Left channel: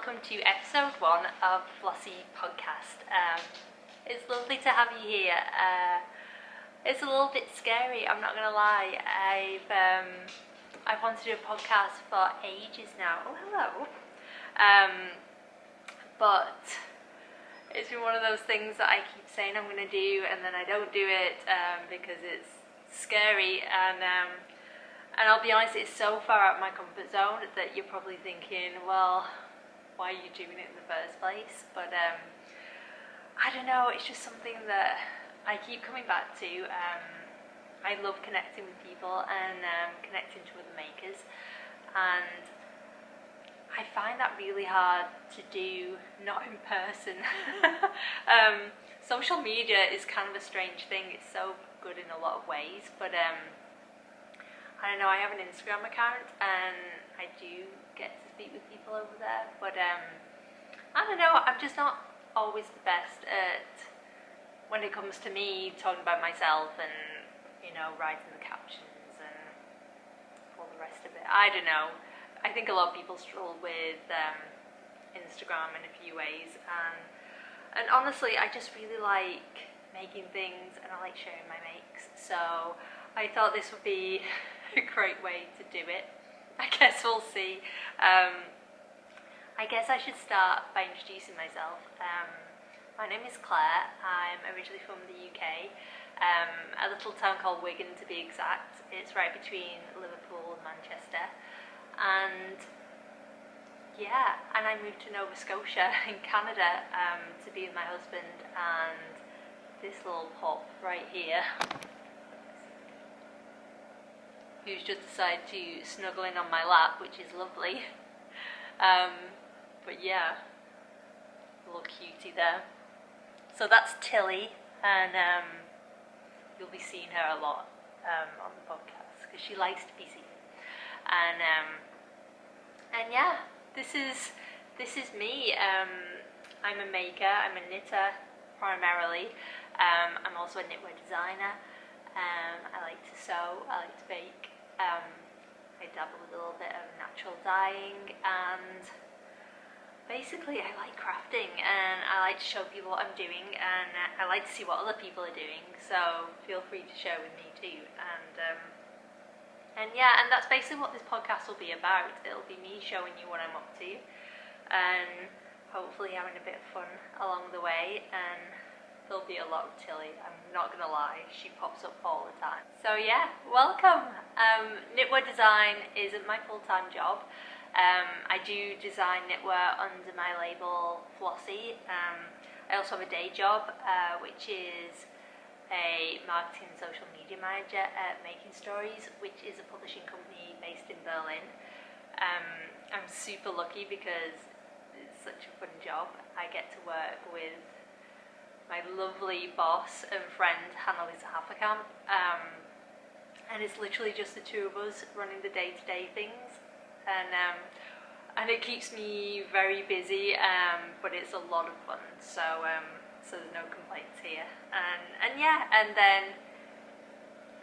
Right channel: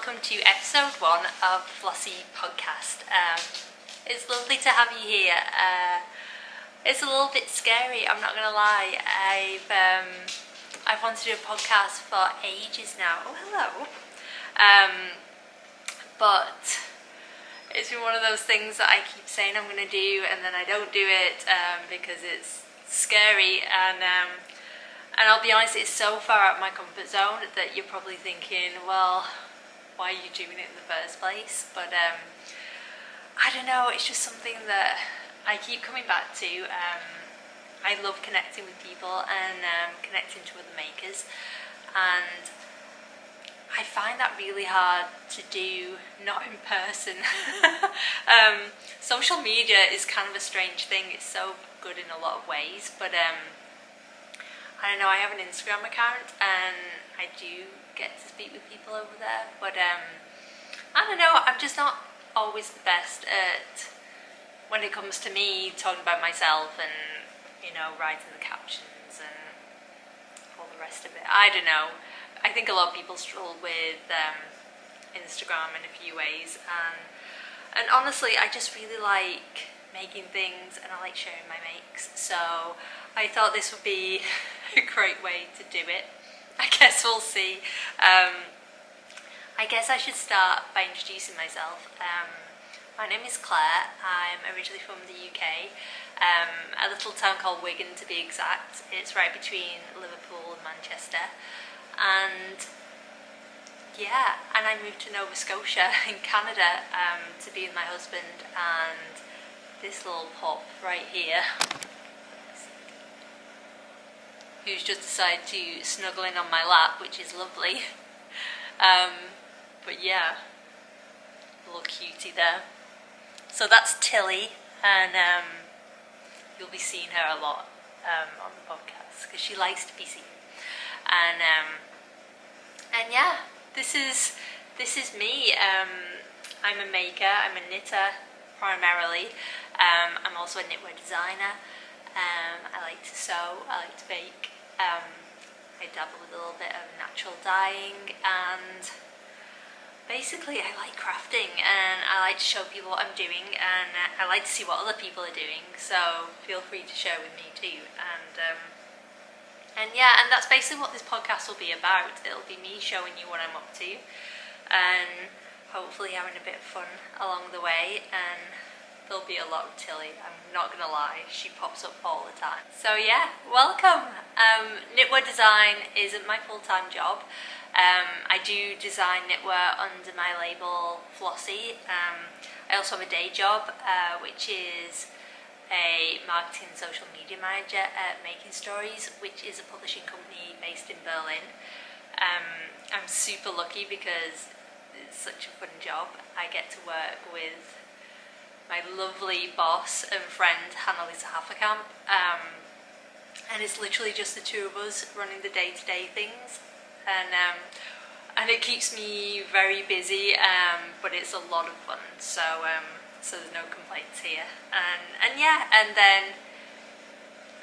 welcome to episode 1 of the Flossi podcast. It's lovely to have you here. It's a little bit scary, I'm not gonna lie. I've wanted to do a podcast for ages now. Oh, hello. But it's been one of those things that I keep saying I'm gonna do and then I don't do it because it's scary, and I'll be honest, it's so far out of my comfort zone that you're probably thinking, well, why are you doing it in the first place? But I don't know, it's just something that I keep coming back to. I love connecting with people and connecting to other makers, and I find that really hard to do not in person. Social media is kind of a strange thing. It's so good in a lot of ways, but I don't know, I have an Instagram account and I do get to speak with people over there, but I don't know, I'm just not always the best at, when it comes to me talking about myself and, you know, writing the captions and all the rest of it. I don't know, I think a lot of people struggle with Instagram in a few ways, and honestly I just really like making things and I like sharing my makes, so I thought this would be a great way to do it. I guess we'll see. I guess I should start by introducing myself. My name is Claire. I'm originally from the UK, a little town called Wigan to be exact. It's right between Liverpool and Manchester, and yeah, and I moved to Nova Scotia in Canada to be with my husband and this little pup right here, who's just decided to snuggle in on my lap, which is lovely. But yeah, little cutie there. So that's Tilly, and you'll be seeing her a lot on the podcast because she likes to be seen. And yeah, this is me. I'm a maker. I'm a knitter primarily. I'm also a knitwear designer. I like to sew, I like to bake, I dabble with a little bit of natural dyeing, and basically I like crafting and I like to show people what I'm doing, and I like to see what other people are doing, so feel free to share with me too. And yeah, and that's basically what this podcast will be about. It'll be me showing you what I'm up to and hopefully having a bit of fun along the way, and there'll be a lot of Tilly, I'm not gonna lie, she pops up all the time. So yeah, welcome! Knitwear design isn't my full-time job. I do design knitwear under my label Flossi. I also have a day job, which is a marketing and social media manager at Making Stories, which is a publishing company based in Berlin. I'm super lucky because it's such a fun job. I get to work with my lovely boss and friend Hannah-Lisa Hafferkamp, and it's literally just the two of us running the day-to-day things, and it keeps me very busy, but it's a lot of fun, so there's no complaints here. And yeah, and then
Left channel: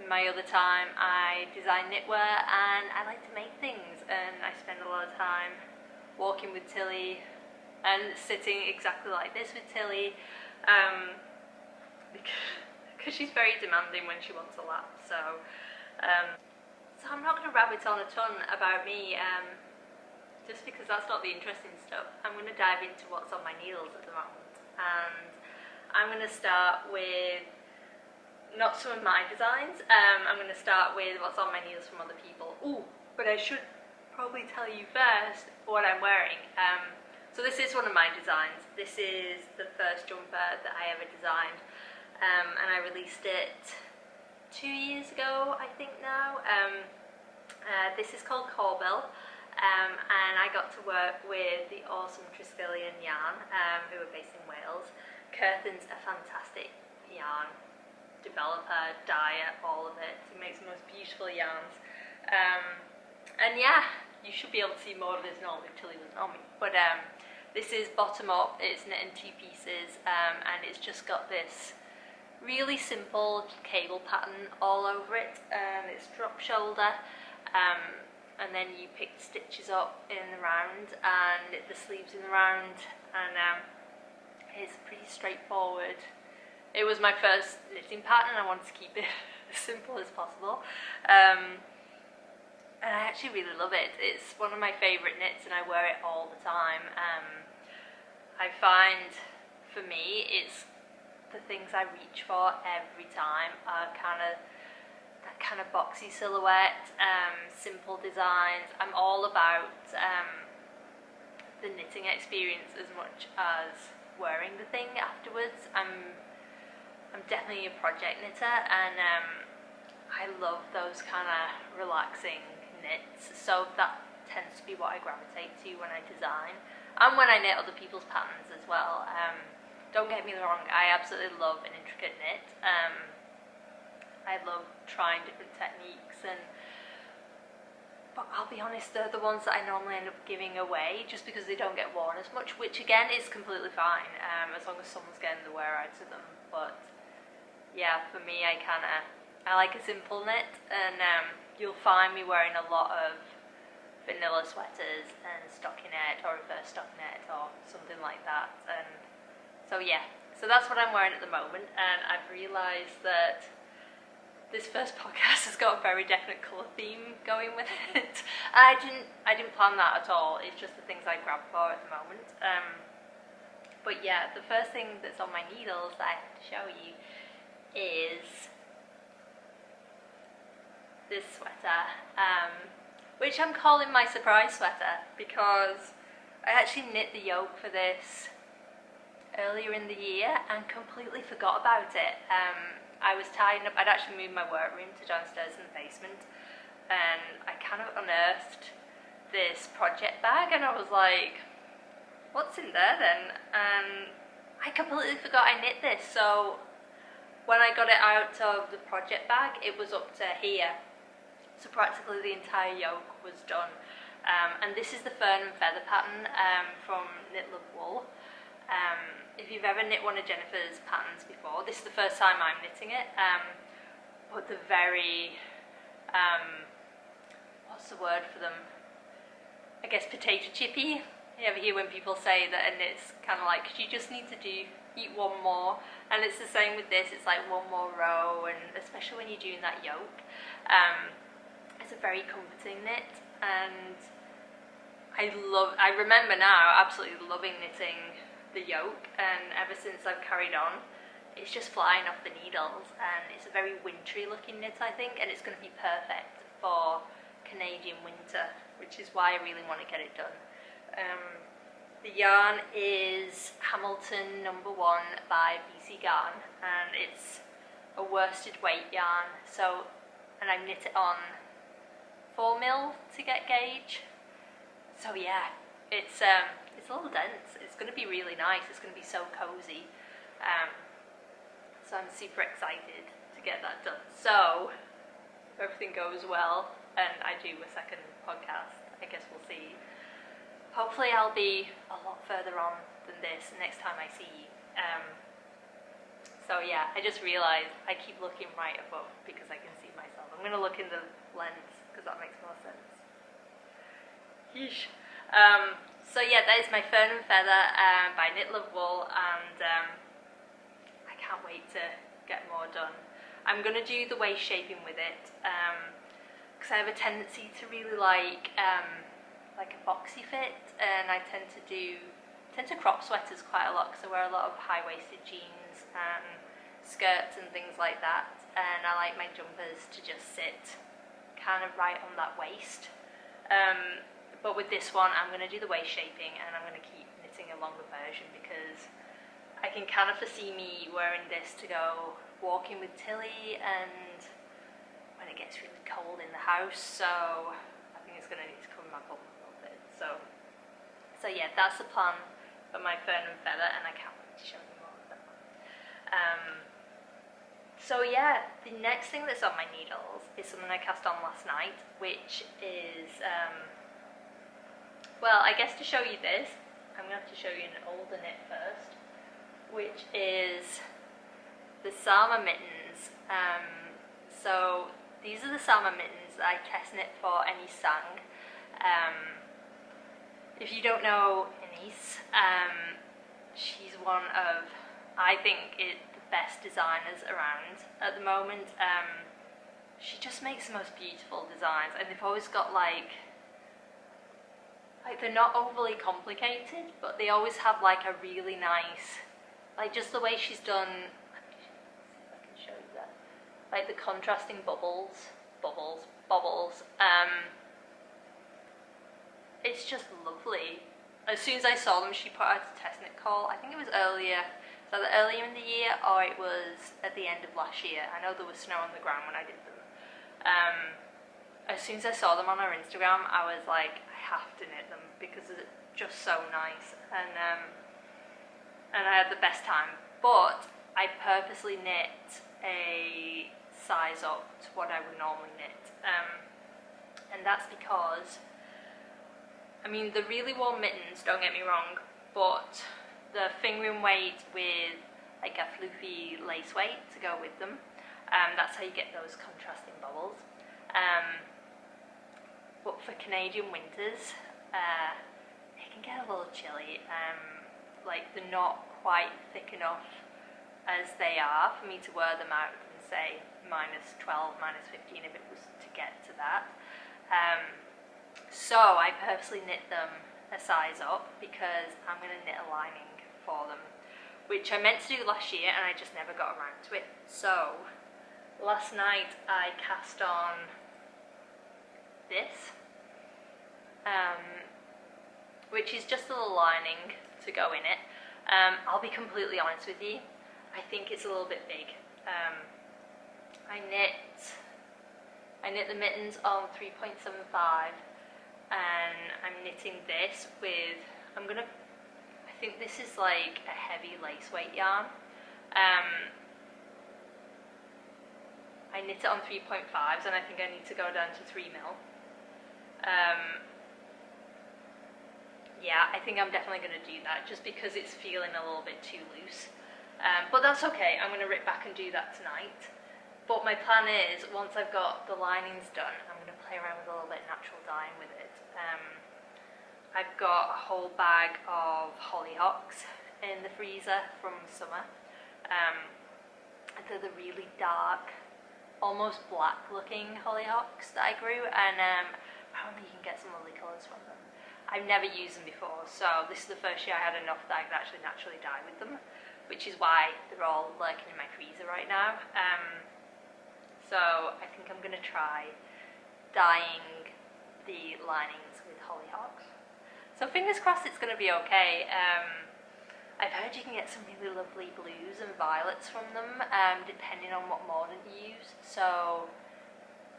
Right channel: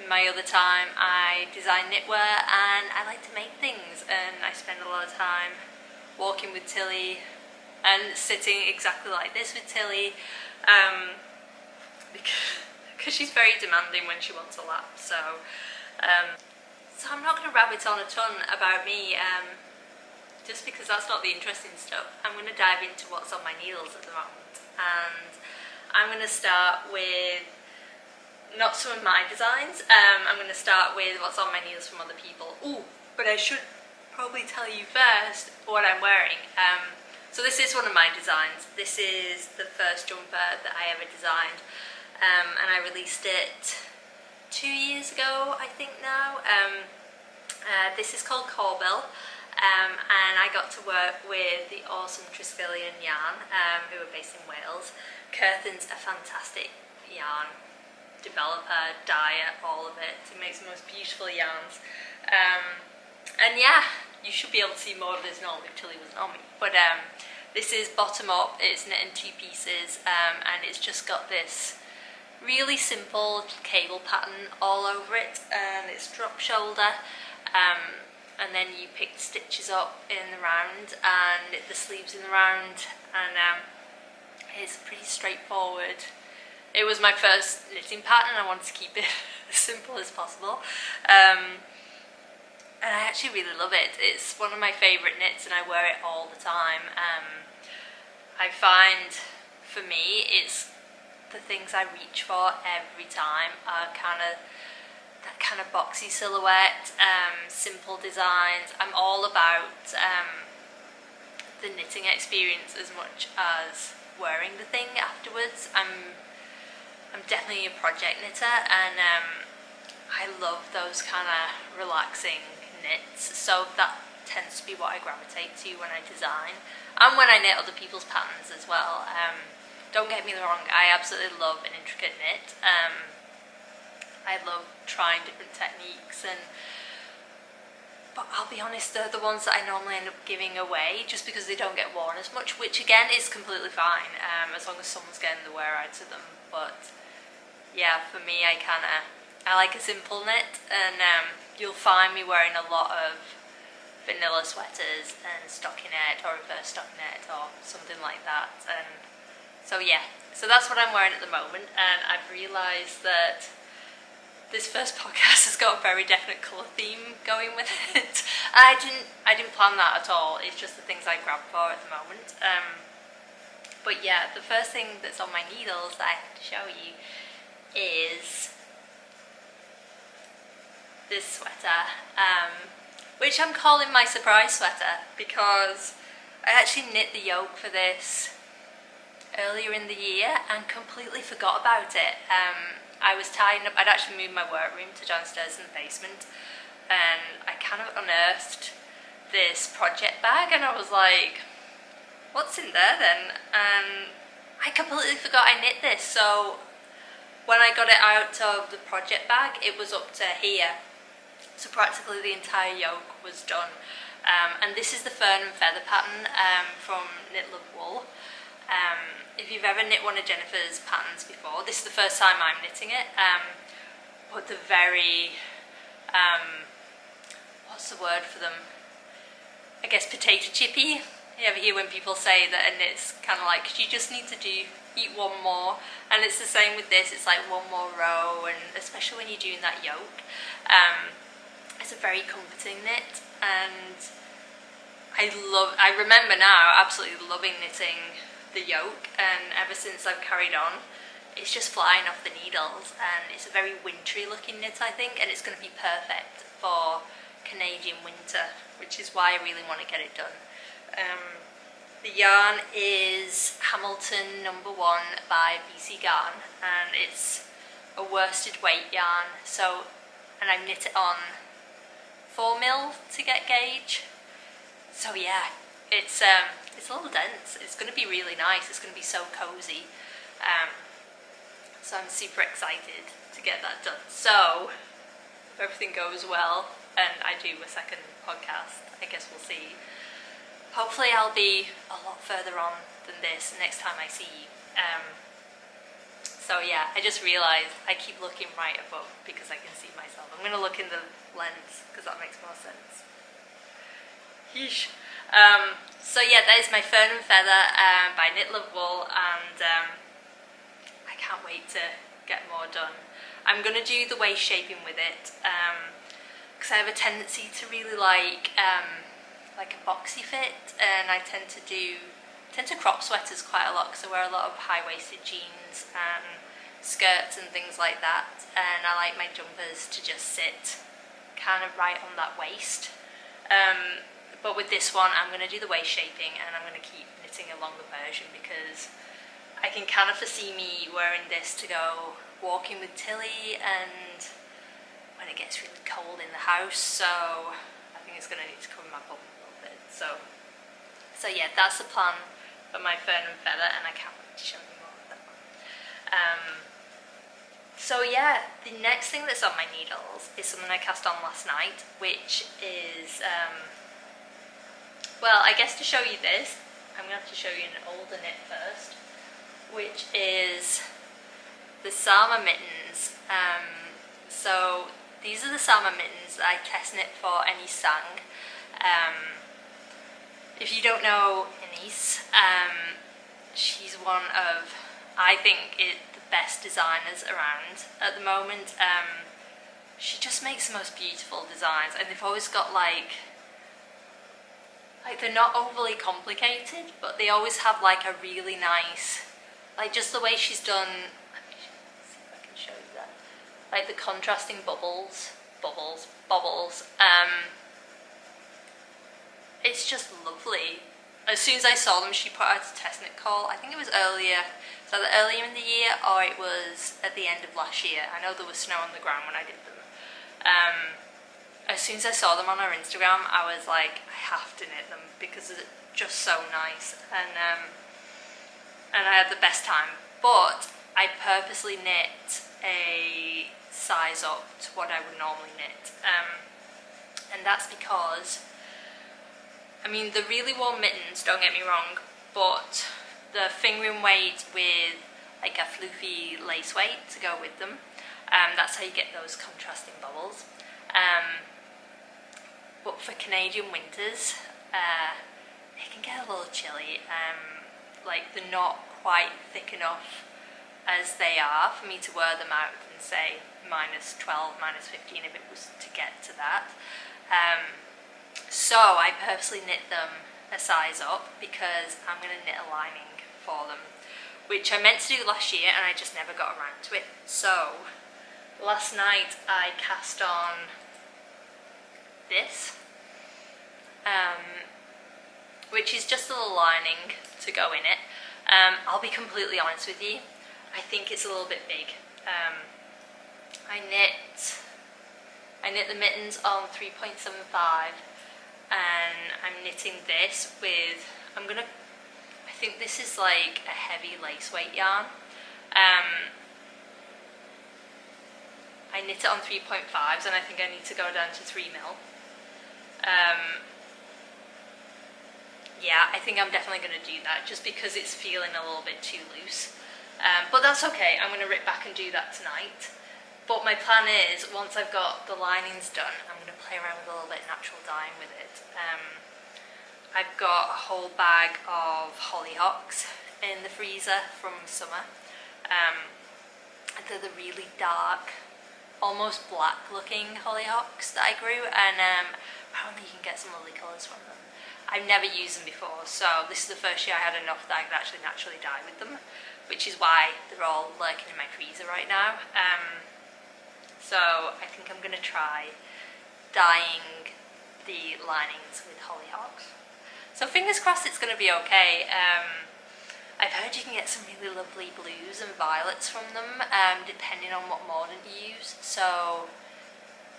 in my other time I design knitwear and I like to make things, and I spend a lot of time walking with Tilly and sitting exactly like this with Tilly, because she's very demanding when she wants a lap. So I'm not going to rabbit on a ton about me, just because that's not the interesting stuff. I'm going to dive into what's on my needles at the moment, and I'm going to start with not some of my designs. I'm going to start with what's on my needles from other people. Ooh, but I should probably tell you first what I'm wearing. So this is one of my designs. This is the first jumper that I ever designed, and I released it 2 years ago, I think now. This is called Corbel, and I got to work with the awesome Triskelion Yarn, who are based in Wales. Curthin's a fantastic yarn developer, dyer, all of it. He makes the most beautiful yarns. And yeah, you should be able to see more of this normally if Tilly wasn't on me. But this is bottom up, it's knit in 2 pieces, and it's just got this really simple cable pattern all over it, and it's drop shoulder. and then you pick the stitches up in the round and knit the sleeves in the round, and it's pretty straightforward. It was my first knitting pattern and I wanted to keep it as simple as possible. And I actually really love it. It's one of my favourite knits and I wear it all the time. I find, for me, it's the things I reach for every time are that kind of boxy silhouette, simple designs. I'm all about the knitting experience as much as wearing the thing afterwards. I'm definitely a project knitter, and I love those kind of relaxing knits, so that tends to be what I gravitate to when I design and when I knit other people's patterns as well. Don't get me wrong, I absolutely love an intricate knit. I love trying different techniques, but I'll be honest, they're the ones that I normally end up giving away just because they don't get worn as much, which again is completely fine, as long as someone's getting the wear out of them. But yeah, for me, I like a simple knit, and you'll find me wearing a lot of vanilla sweaters and stockinette or reverse stockinette or something like that. And so yeah, so that's what I'm wearing at the moment, and I've realised that this first podcast has got a very definite colour theme going with it. I didn't plan that at all. It's just the things I grab for at the moment. But yeah, the first thing that's on my needles that I have to show you is this sweater, which I'm calling my surprise sweater because I actually knit the yoke for this earlier in the year and completely forgot about it. I was tying up, I'd actually moved my workroom to downstairs in the basement, and I kind of unearthed this project bag and I was like, what's in there then? And I completely forgot I knit this. So when I got it out of the project bag, it was up to here. So practically the entire yoke was done. And this is the Fern Feather pattern from Knit Love Wool. If you've ever knit one of Jennifer's patterns before, this is the first time I'm knitting it. But the very, what's the word for them? I guess potato chippy. You ever hear when people say that a knit's kind of like, you just need to eat one more, and it's the same with this. It's like one more row, and especially when you're doing that yoke, it's a very comforting knit, and I remember now absolutely loving knitting the yoke, and ever since I've carried on, it's just flying off the needles, and it's a very wintry looking knit, I think, and it's going to be perfect for Canadian winter, which is why I really want to get it done. The yarn is Hamilton No. 1 by BC Garn, and it's a worsted weight yarn, and I knit it on 4mm to get gauge. So yeah, it's a little dense. It's going to be really nice. It's going to be so cozy. So I'm super excited to get that done. So if everything goes well and I do a second podcast, I guess we'll see. Hopefully I'll be a lot further on than this next time I see you. So yeah, I just realised I keep looking right above because I can see myself. I'm going to look in the lens because that makes more sense. Yeesh. So yeah, that is my Fern Feather by Knit Love Wool, and I can't wait to get more done. I'm going to do the waist shaping with it because I have a tendency to really like a boxy fit, and I tend to crop sweaters quite a lot because I wear a lot of high-waisted jeans and skirts and things like that, and I like my jumpers to just sit kind of right on that waist. But with this one, I'm going to do the waist shaping, and I'm going to keep knitting a longer version because I can kind of foresee me wearing this to go walking with Tilly and when it gets really cold in the house, so I think it's going to need to cover my bum a little bit. So yeah, that's the plan for my Fern and Feather, and I can't wait to show you more of that one. So yeah, the next thing that's on my needles is something I cast on last night, which is, well, I guess to show you this, I'm going to have to show you an older knit first, which is the Sami Mittens. So These are the Sami Mittens that I test knit for Ennis Sang. If you don't know Ennis, she's one of, I think, the best designers around at the moment. She just makes the most beautiful designs, and they've always got like they're not overly complicated, but they always have like a really nice, like just the way she's done. Let me see if I can show you that. Like the contrasting bubbles. It's just lovely. As soon as I saw them, she put out a test knit call. I think it was earlier in the year, or it was at the end of last year. I know there was snow on the ground when I did them. As soon as I saw them on her Instagram, I was like, I have to knit them because it's just so nice, and I had the best time. But I purposely knit a size up to what I would normally knit, and that's because, I mean, the really warm mittens, don't get me wrong, but the fingering weight with like a floofy lace weight to go with them, that's how you get those contrasting bubbles. But for Canadian winters, it can get a little chilly. Like they're not quite thick enough as they are for me to wear them out and say -12, -15 if it was to get to that. So I purposely knit them a size up because I'm going to knit a lining for them, which I meant to do last year and I just never got around to it. So last night I cast on this, which is just a little lining to go in it. I'll be completely honest with you, I think it's a little bit big. I knit the mittens on 3.75, and I'm knitting this with, I think this is like a heavy lace weight yarn. I knit it on 3.5s, and I think I need to go down to 3 mil. Yeah, I think I'm definitely going to do that just because it's feeling a little bit too loose. But that's okay, I'm going to rip back and do that tonight. But my plan is, once I've got the linings done, I'm going to play around with a little bit of natural dyeing with it. I've got a whole bag of hollyhocks in the freezer from summer. They're the really dark, almost black looking hollyhocks that I grew, and apparently you can get some lovely colours from them. I've never used them before, so this is the first year I had enough that I could actually naturally dye with them, which is why they're all lurking in my freezer right now. So I think I'm going to try dyeing the linings with hollyhocks. So fingers crossed it's going to be okay. I've heard you can get some really lovely blues and violets from them, depending on what mordant you use. So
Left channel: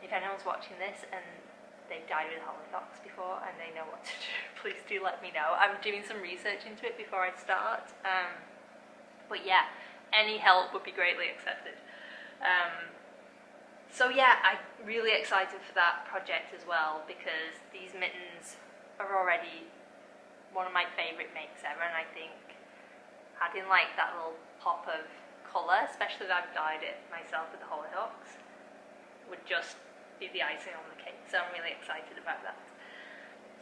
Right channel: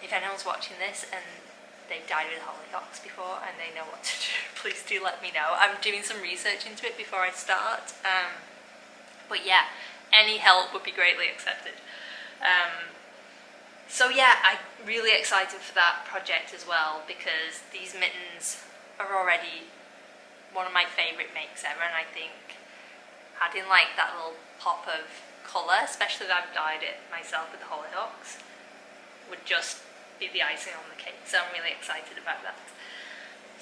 if anyone's watching this and they've dyed with hollyhocks before and they know what to do, please do let me know. I'm doing some research into it before I start. But yeah, any help would be greatly accepted. So yeah, I'm really excited for that project as well, because these mittens are already one of my favourite makes ever, and I think adding like that little pop of colour, especially that I've dyed it myself with the hollyhocks, would just be the icing on the cake. So I'm really excited about that.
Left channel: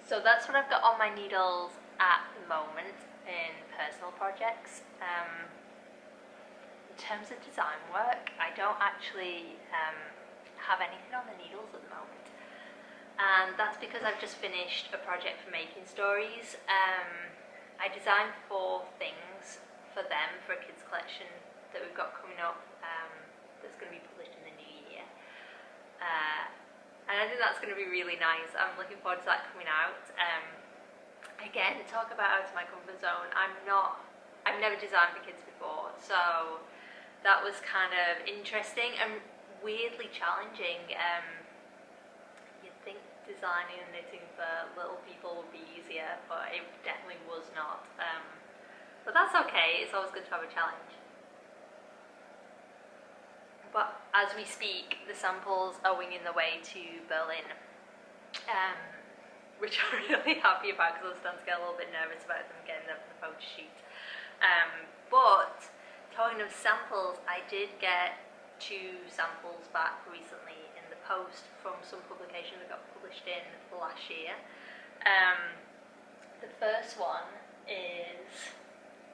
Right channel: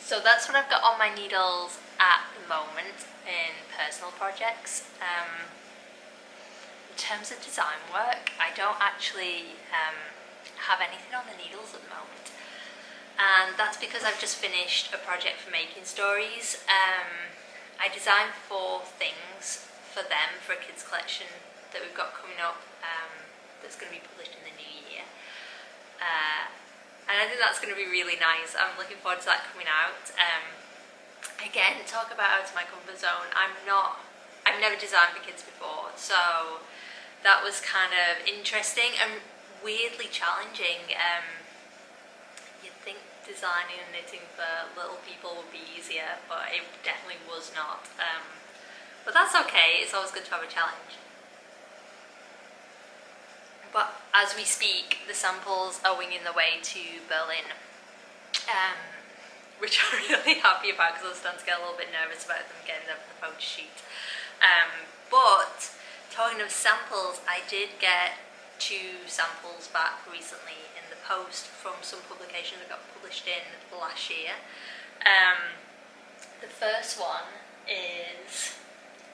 So that's what I've got on my needles at the moment in personal projects. In terms of design work, I don't actually have anything on the needles at the moment, and that's because I've just finished a project for Making Stories. I designed 4 things for them for a kids collection that we've got coming up, that's going to be published in the new year, and I think that's going to be really nice. I'm looking forward to that coming out. Again, talk about out of my comfort zone. I've never designed for kids before, so that was kind of interesting and weirdly challenging. You'd think designing and knitting for little people would be easier, but it definitely was not. But that's okay, it's always good to have a challenge. But as we speak, the samples are winging their way to Berlin, which I'm really happy about because I was starting to get a little bit nervous about them getting there for the photo shoot. But talking of samples, I did get 2 samples back recently in the post from some publication that got published in last year. The first one is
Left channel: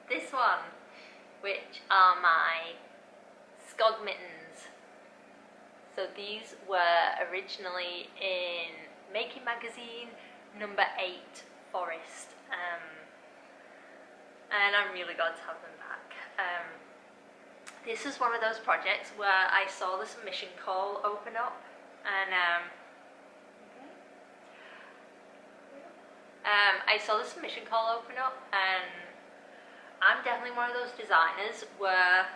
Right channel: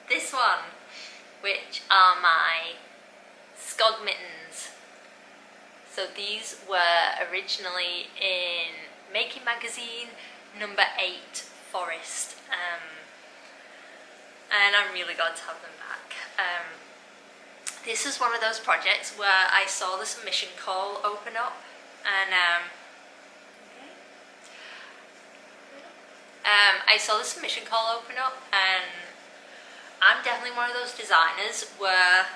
this one, which are my Skog Mittens. So these were originally in Making Magazine number 8 Forest, and I'm really glad to have them back. This was one of those projects where I saw the submission call open up, and I saw the submission call open up, and I'm definitely one of those designers where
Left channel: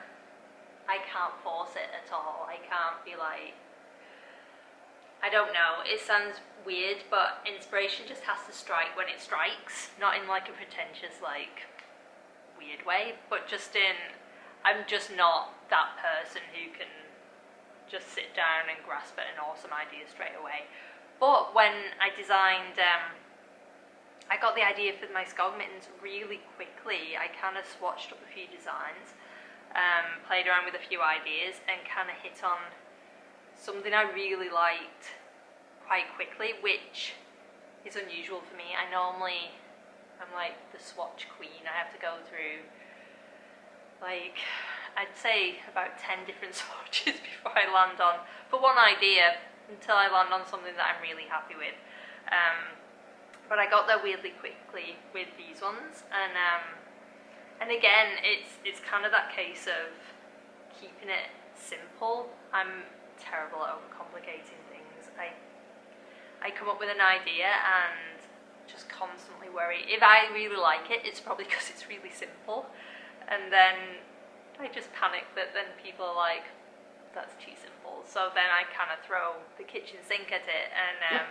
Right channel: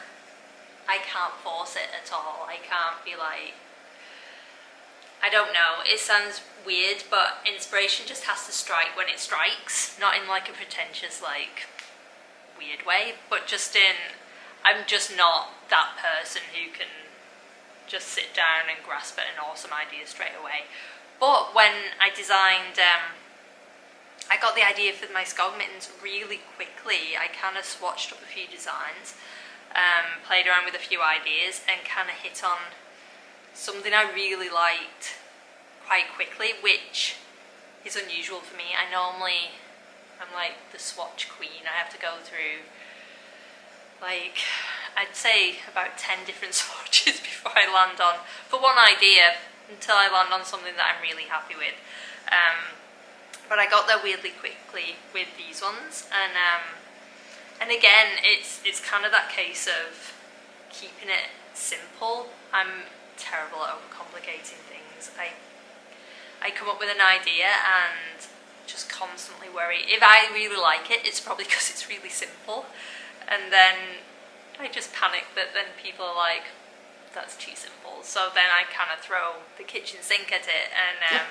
I can't force it at all. I can't be like, I don't know, it sounds weird, but inspiration just has to strike when it strikes, not in like a pretentious, like, weird way, but just in, I'm just not that person who can just sit down and grasp at an awesome idea straight away. But when I designed, I got the idea for my Skog Mittens really quickly. I kind of swatched up a few designs, played around with a few ideas, and kind of hit on something I really liked quite quickly, which is unusual for me. I'm like the swatch queen. I have to go through, like, I'd say about 10 different swatches before I land on, for one idea, until I land on something that I'm really happy with. But I got there weirdly quickly with these ones, and again, it's kind of that case of keeping it simple. I'm terrible at overcomplicating things. I come up with an idea and just constantly worry. If I really like it, it's probably because it's really simple, and then I just panic that then people are like, that's too simple. So then I kind of throw the kitchen sink at it and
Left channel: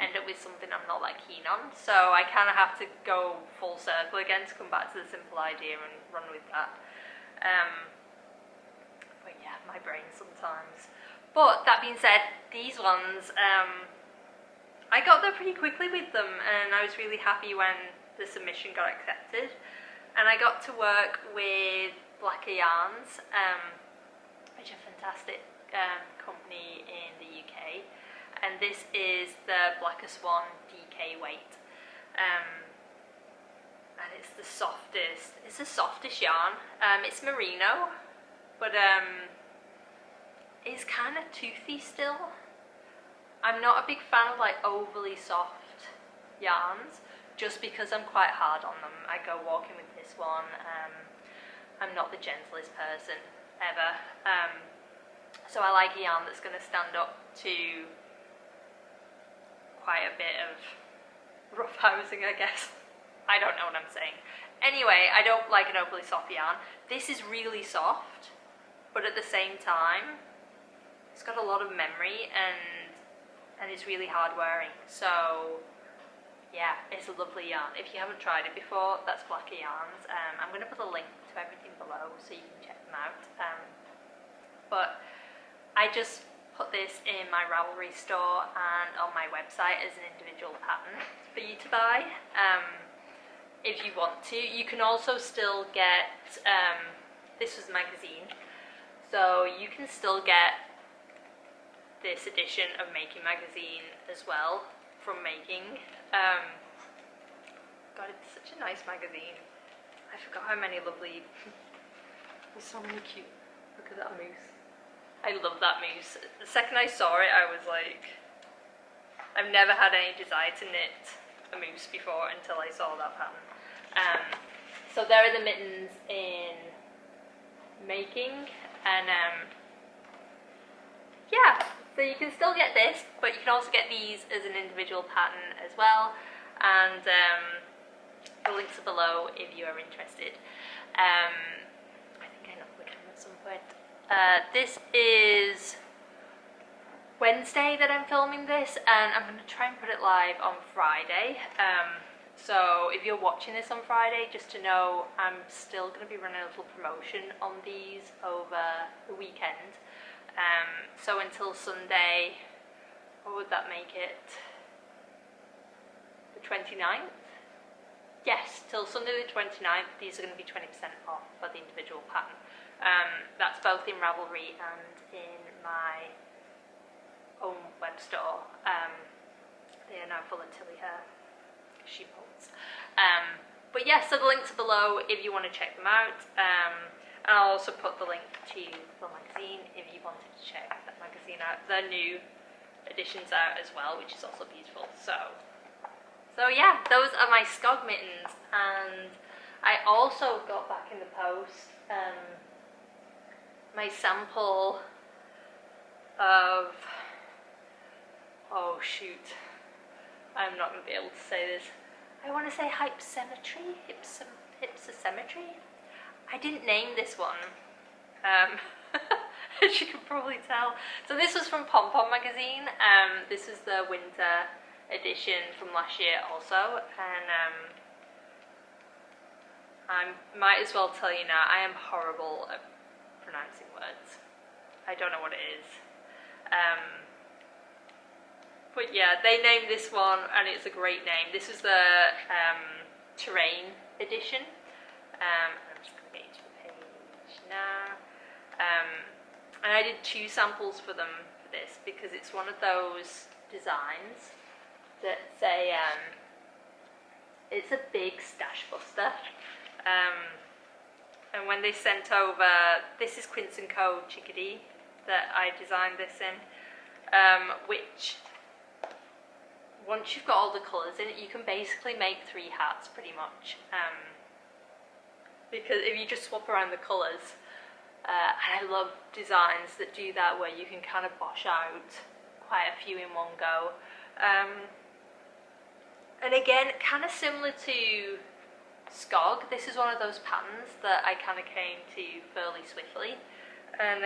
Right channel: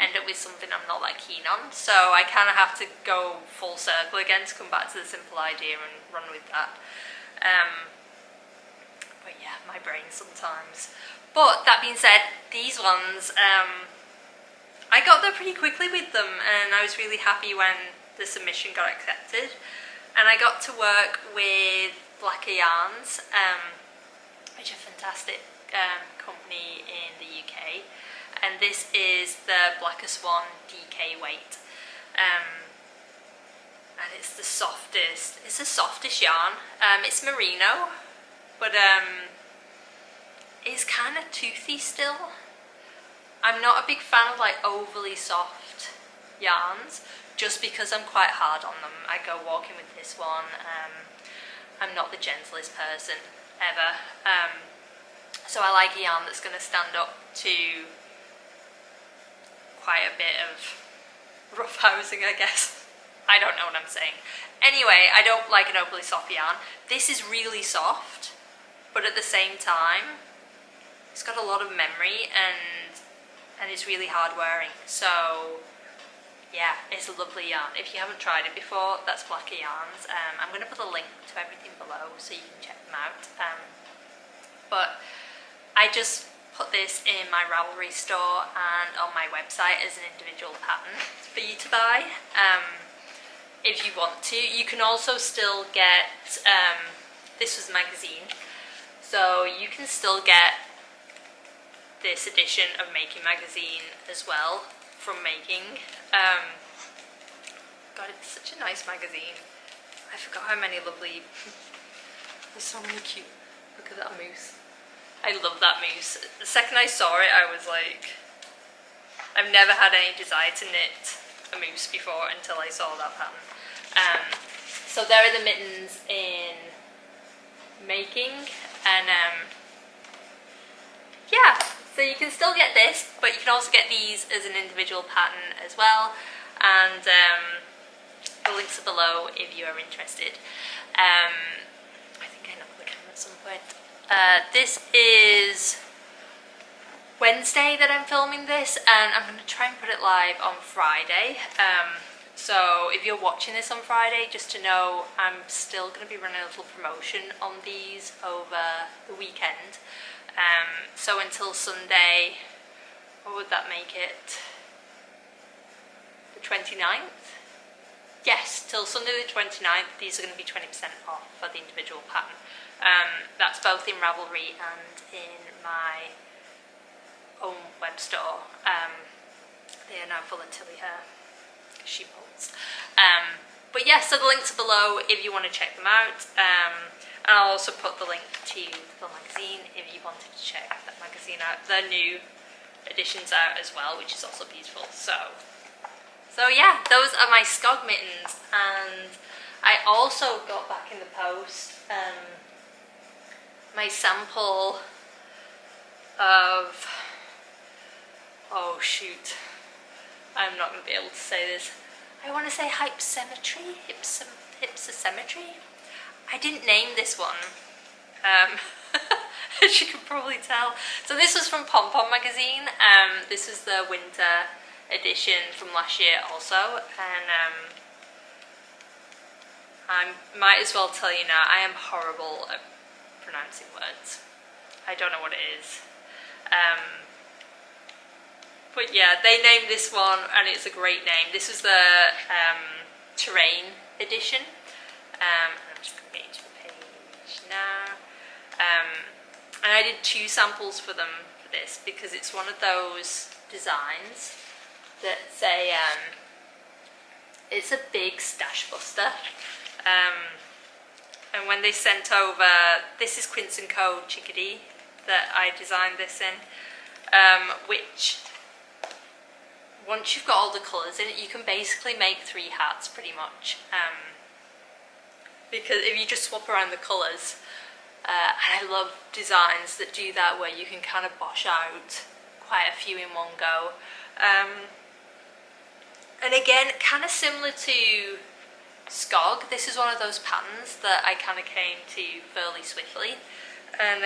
end up with something I'm not that keen on. So I kind of have to go full circle again to come back to the simple idea and run with that. But yeah, my brain sometimes. But that being said, these ones, I got there pretty quickly with them, and I was really happy when the submission got accepted. And I got to work with Blacker Yarns, which are a fantastic company in the UK. And this is the Blacker Swan DK weight. And it's the softest yarn. It's merino, but it's kind of toothy still. I'm not a big fan of like overly soft yarns, just because I'm quite hard on them. I go walking with this one. I'm not the gentlest person ever. So I like a yarn that's going to stand up to quite a bit of rough housing, I guess. I don't know what I'm saying. Anyway, I don't like an overly soft yarn. This is really soft, but at the same time, it's got a lot of memory and it's really hard wearing. So yeah, it's a lovely yarn. If you haven't tried it before, that's Blacker Yarns. I'm going to put a link to everything below so you can check them out. But I just put this in my Ravelry store and on my website as an individual pattern for you to buy. If you want to. You can also still get, this was a magazine, so you can still get this edition of Making Magazine as well from Making. God, it's such a nice magazine. I forgot how many lovely, there's so many cute, look at that moose. I love that moose. The second I saw it, I was like, I've never had any desire to knit a moose before until I saw that pattern. So there are the mittens in Making, and yeah, so you can still get this, but you can also get these as an individual pattern as well, and the links are below if you are interested. I think I knocked the camera at some point. This is Wednesday that I'm filming this, and I'm going to try and put it live on Friday. So if you're watching this on Friday, just to know, I'm still going to be running a little promotion on these over the weekend. So until Sunday, what would that make it? The 29th? Yes, till Sunday the 29th, these are going to be 20% off for the individual pattern. That's both in Ravelry and in my own web store. They are now full of Tilly hair. She molds. But yeah, so the links are below if you want to check them out. And I'll also put the link to the magazine if you wanted to check that magazine out. The new edition's out as well, which is also beautiful. So yeah, those are my Skog mittens, and I also got back in the post my sample of, oh shoot, I'm not going to be able to say this. I want to say Hypsometry. I didn't name this one, as you can probably tell. So this was from Pom Pom magazine. This was the winter edition from last year also, and I might as well tell you now, I am horrible at pronouncing words. I don't know what it is. But yeah, they named this one, and it's a great name. This is the terrain edition. And I'm just going to get into the page now. And I did 2 samples for them for this, because it's one of those designs that's it's a big stash buster. And when they sent over, this is Quince & Co. Chickadee that I designed this in, which, once you've got all the colours in it, you can basically make 3 hats pretty much. Because if you just swap around the colours, and I love designs that do that, where you can kind of bosh out quite a few in one go. And again, kind of similar to Skog, this is one of those patterns that I kind of came to fairly swiftly. And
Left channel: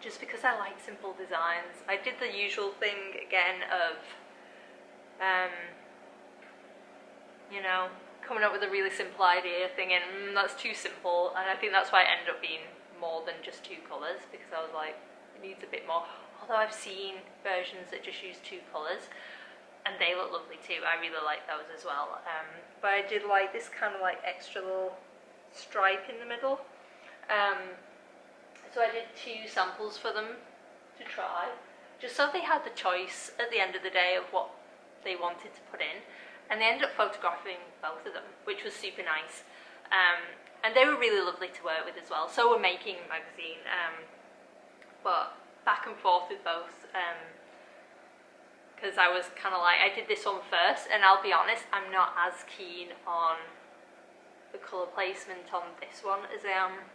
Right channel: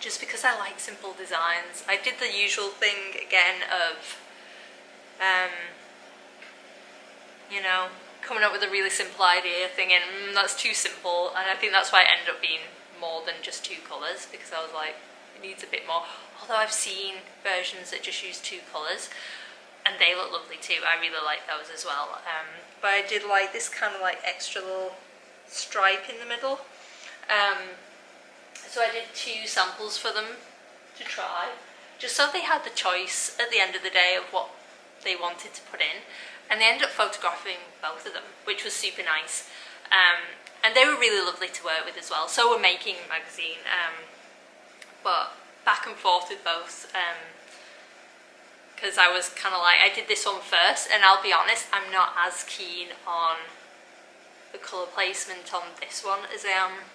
just because I like simple designs, I did the usual thing again of, you know, coming up with a really simple idea, thinking, that's too simple, and I think that's why it ended up being more than just 2 colours, because I was like, it needs a bit more. Although I've seen versions that just use 2 colours, and they look lovely too. I really like those as well. But I did like this kind of like extra little stripe in the middle. So I did 2 samples for them to try, just so they had the choice at the end of the day of what they wanted to put in. And they ended up photographing both of them, which was super nice. And they were really lovely to work with as well. So we're making magazine, but back and forth with both, because I was kind of like, I did this one first, and I'll be honest, I'm not as keen on the colour placement on this one as I am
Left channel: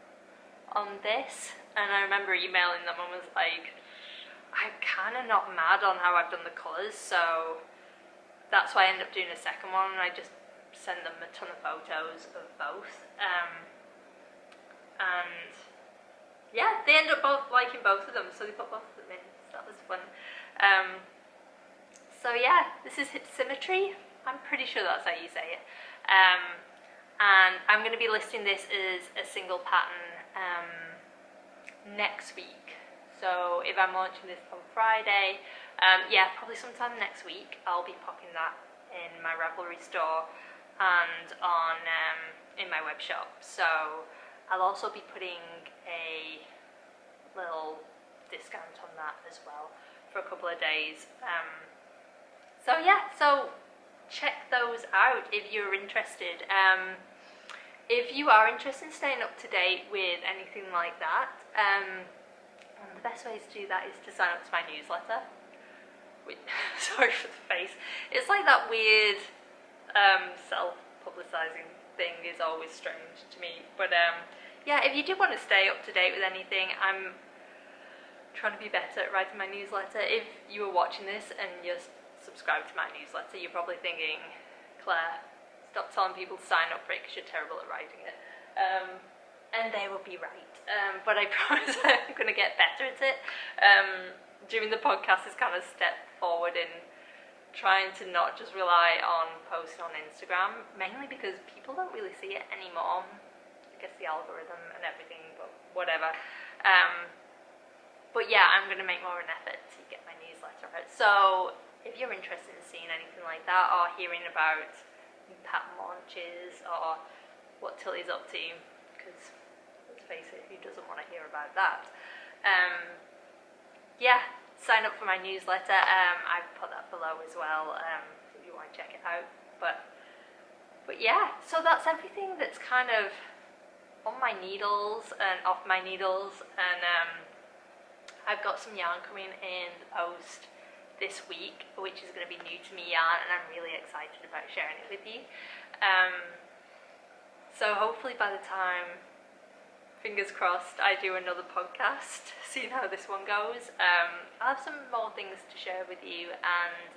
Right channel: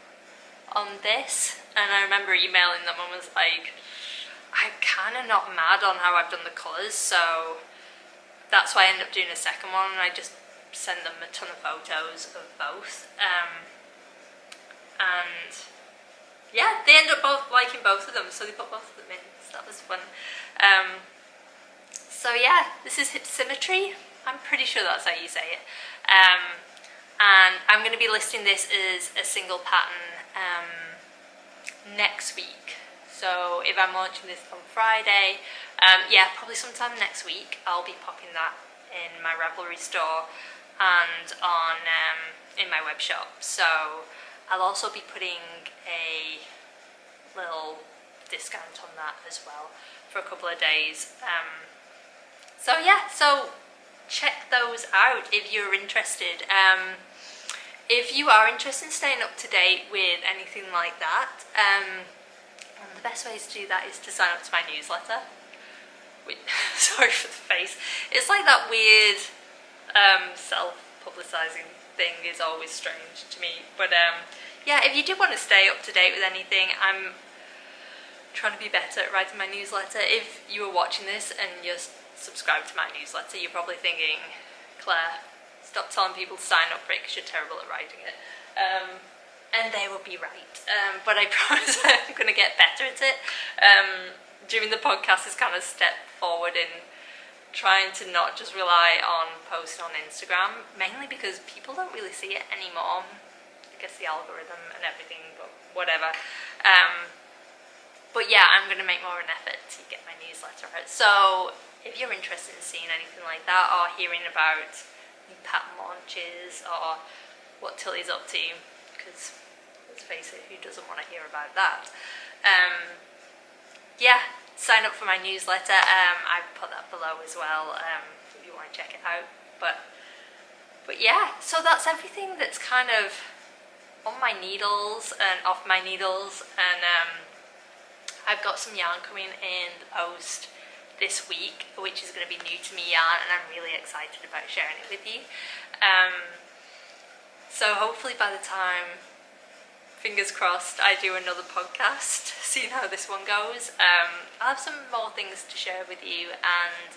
on this. And I remember emailing them and was like, I'm kind of not mad on how I've done the colours, so that's why I ended up doing a second one, and I just sent them a ton of photos of both. And yeah, they ended up both liking both of them, so they put both of them in, so that was fun. So yeah, this is Hypsometry. I'm pretty sure that's how you say it. And I'm going to be listing this as a single pattern next week. So if I'm launching this on Friday, yeah, probably sometime next week, I'll be popping that in my Ravelry store and on in my web shop. So I'll also be putting a little discount on that as well for a couple of days. So yeah, so check those out if you're interested. If you are interested in staying up to date with anything like that, one of the best ways to do that is to sign up to my newsletter. Sorry for the face. It's like that weird self-publicising thing is always strange to me. But yeah, if you do want to stay up to date with anything, I'm trying to be better at writing my newsletter. If you are watching this and you're subscribed to my newsletter, you're probably thinking, Claire, stop telling people to sign up for it because you're terrible at writing it. And they will be right. But I promise I'm going to get better at it. Doing the podcast is kind of a step forward in trying to not just rely on posting on Instagram, mainly because people don't really see it anymore. I guess the algorithm and everything, but whatever. But yeah, I'm going to make more of an effort to get my newsletter out. So if you're interested in seeing anything like that, or hearing about new pattern launches, or what Tilly's up to, because let's face it, who doesn't want to hear about that? Yeah, sign up for my newsletter. I put that below as well if you want to check it out. But yeah, so that's everything that's kind of on my needles and off my needles, and I've got some yarn coming in the post this week, which is going to be new to me yarn, and I'm really excited about sharing it with you. So hopefully by the time, fingers crossed, I do another podcast, seeing how this one goes, I'll have some more things to share with you, and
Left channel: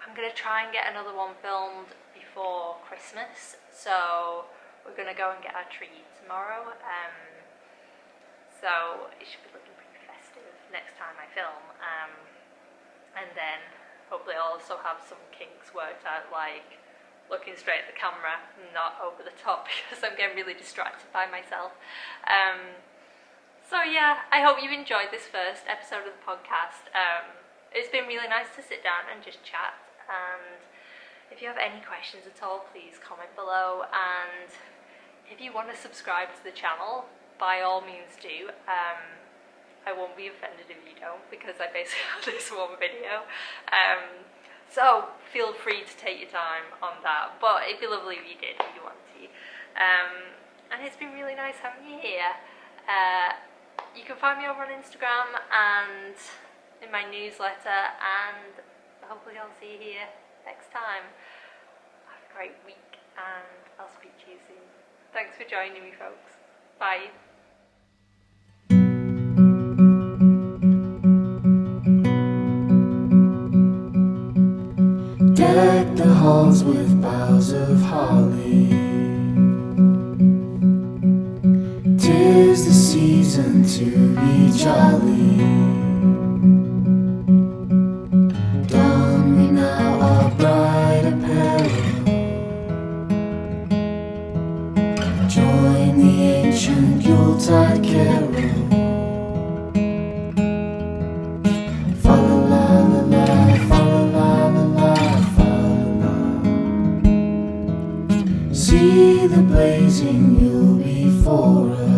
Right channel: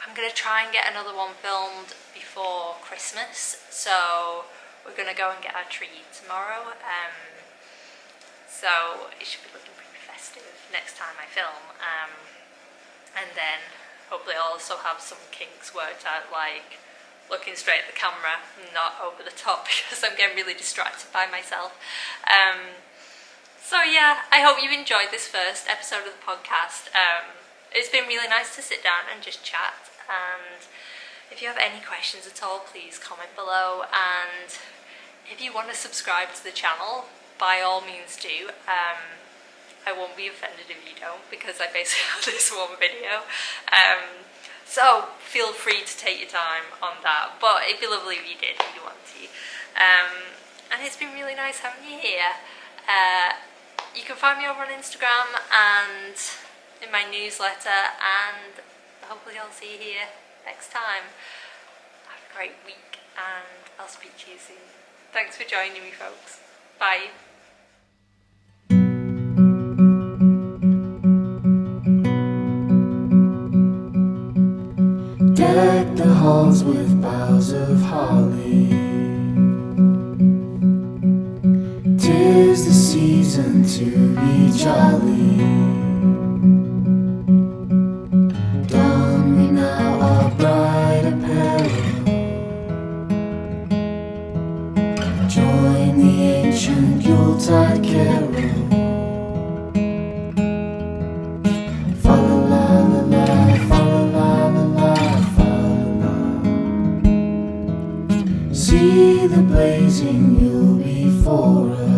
I'm going to try and get another one filmed before Christmas. So we're going to go and get our tree tomorrow, so it should be looking pretty festive next time I film, and then hopefully I'll also have some kinks worked out, like looking straight at the camera, not over the top, because I'm getting really distracted by myself. So yeah, I hope you enjoyed this first episode of the podcast. It's been really nice to sit down and just chat, and if you have any questions at all, please comment below, and if you want to subscribe to the channel, by all means do. I won't be offended if you don't, because I basically have this one video. So feel free to take your time on that, but it'd be lovely if you did, if you want to. And it's been really nice having you here. You can find me over on Instagram and in my newsletter, and hopefully I'll see you here next time. Have a great week, and I'll speak to you soon. Thanks for joining me, folks. Bye. Deck the halls with boughs of holly. 'Tis the season to be jolly. Don we now our bright apparel. Join the ancient Yuletide carol. Fa la la la la, fa la la la la, fa la la. See the blazing Yule before us.